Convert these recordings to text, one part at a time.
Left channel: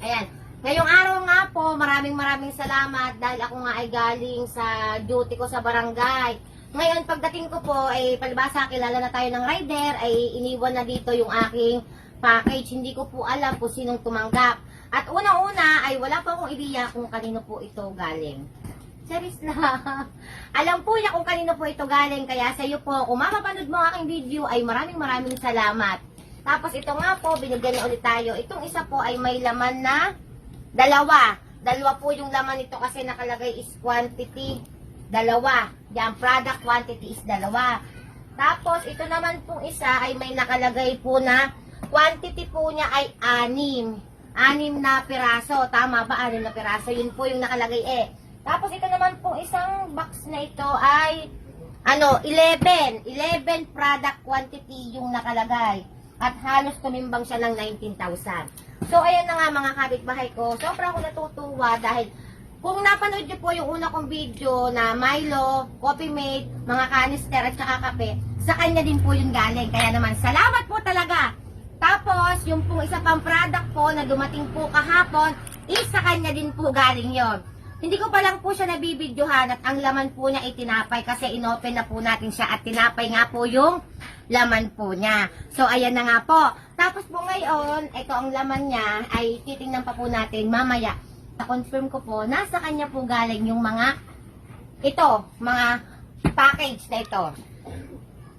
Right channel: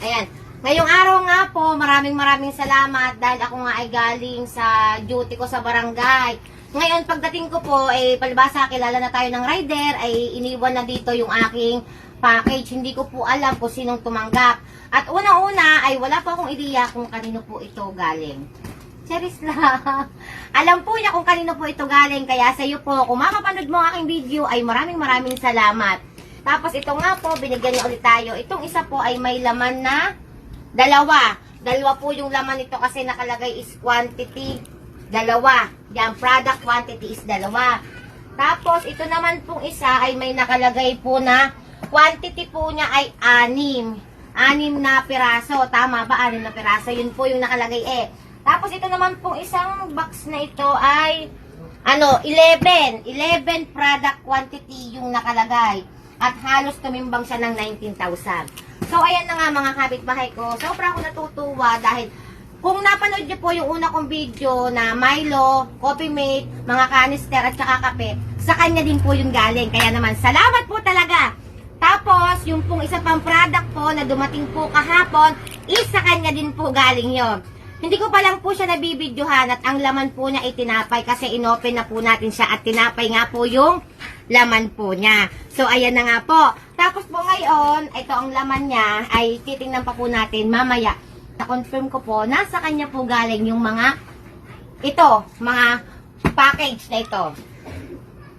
Ayan. Ngayong araw nga po, maraming salamat dahil ako nga ay galing sa duty ko sa barangay. Ngayon, pagdating ko po, palibasa kilala na tayo ng rider, ay iniwan na dito yung aking package. Hindi ko po alam kung sinong tumanggap. At una-una ay wala pa akong ideya kung kanino po ito galing. Cheris lang. Alam po niya kung kanino po ito galing, kaya sa iyo po, kung mapapanood mo ang aking video, ay maraming salamat. Tapos ito nga po, binigyan niya ulit tayo. Itong isa po ay may laman na dalawa. Dalawa po yung laman nito kasi nakalagay is quantity. Dalawa. Yan, product quantity is dalawa. Tapos, ito naman pong isa ay may nakalagay po na quantity po niya ay 6. 6 na piraso. Tama ba? 6 na piraso. Yun po yung nakalagay Tapos, ito naman pong isang box na ito ay 11. 11 product quantity yung nakalagay. At halos tumimbang siya ng 19,000. So, ayan na nga mga kapitbahay ko. Sobra ako natutuwa dahil kung napanood niyo po yung una kong video na Milo, Coffee Mate, mga canister at saka kape, sa kanya din po yung galing. Kaya naman, salamat po talaga. Tapos, yung pong isa pang product po na dumating po kahapon, sa kanya din po galing yon. Hindi ko pa lang po siya nabibidyohan at ang laman po niya ay tinapay kasi inopen na po natin siya at tinapay nga po yung laman po niya. So, ayan na nga po. Tapos po ngayon, ito ang laman niya ay titingnan pa po natin mamaya. Na-confirm ko po, nasa kanya po galing yung mga mga package na ito.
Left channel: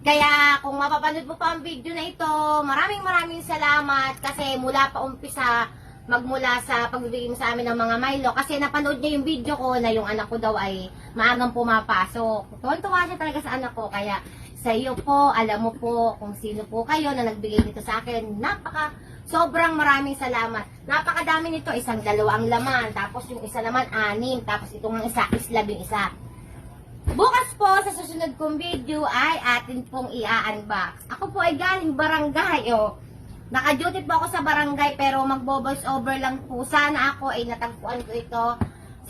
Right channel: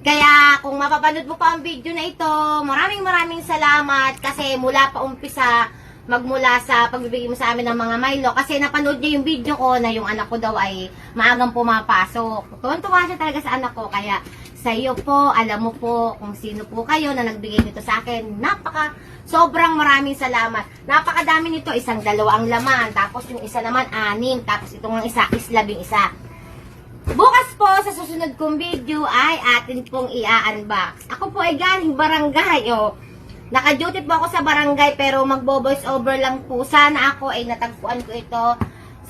Kaya kung mapapanood mo pa ang video na ito, maraming salamat kasi mula pa umpisa, magmula sa pagbibigay mo sa amin ng mga Milo. Kasi napanood niya yung video ko na yung anak ko daw ay maagang pumapasok. Tuwan-tuwa siya talaga sa anak ko. Kaya sa iyo po, alam mo po kung sino po kayo na nagbigay nito sa akin. Sobrang maraming salamat. Napakadami nito. 1, 2 ang laman. Tapos yung isa naman 6. Tapos itong isa is 11. Bukas po sa susunod kong video ay atin pong i-unbox. Ako po ay galing barangay. Naka-duty po ako sa barangay pero magbo-voice over lang po. Sana ako ay natagpuan ko ito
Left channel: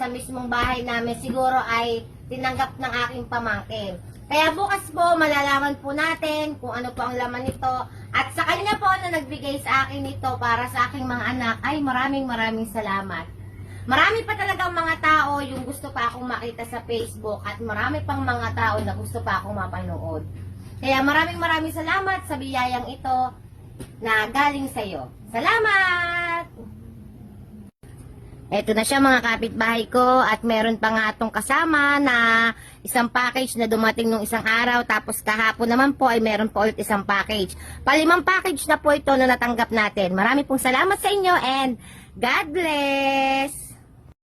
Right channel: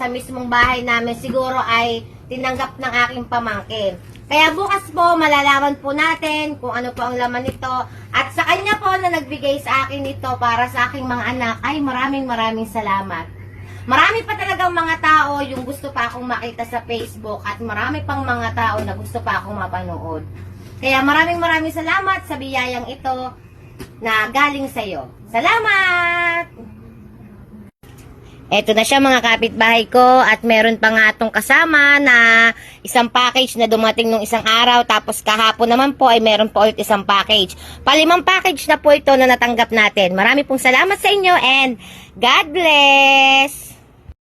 sa mismong bahay namin. Siguro ay tinanggap ng aking pamangkin. Kaya bukas po malalaman po natin kung ano po ang laman nito. At sa kanya po na nagbigay sa akin ito para sa aking mga anak ay maraming salamat. Marami pa talagang mga tao yung gusto pa akong makita sa Facebook at marami pang mga tao na gusto pa akong mapanood. Kaya maraming salamat sa biyayang ito na galing sa iyo. Salamat! Eto na siya mga kapitbahay ko at meron pa nga itong kasama na isang package na dumating nung isang araw tapos kahapon naman po ay meron po ulit isang package. 5 package na po ito na natanggap natin. Marami pong salamat sa inyo and God bless!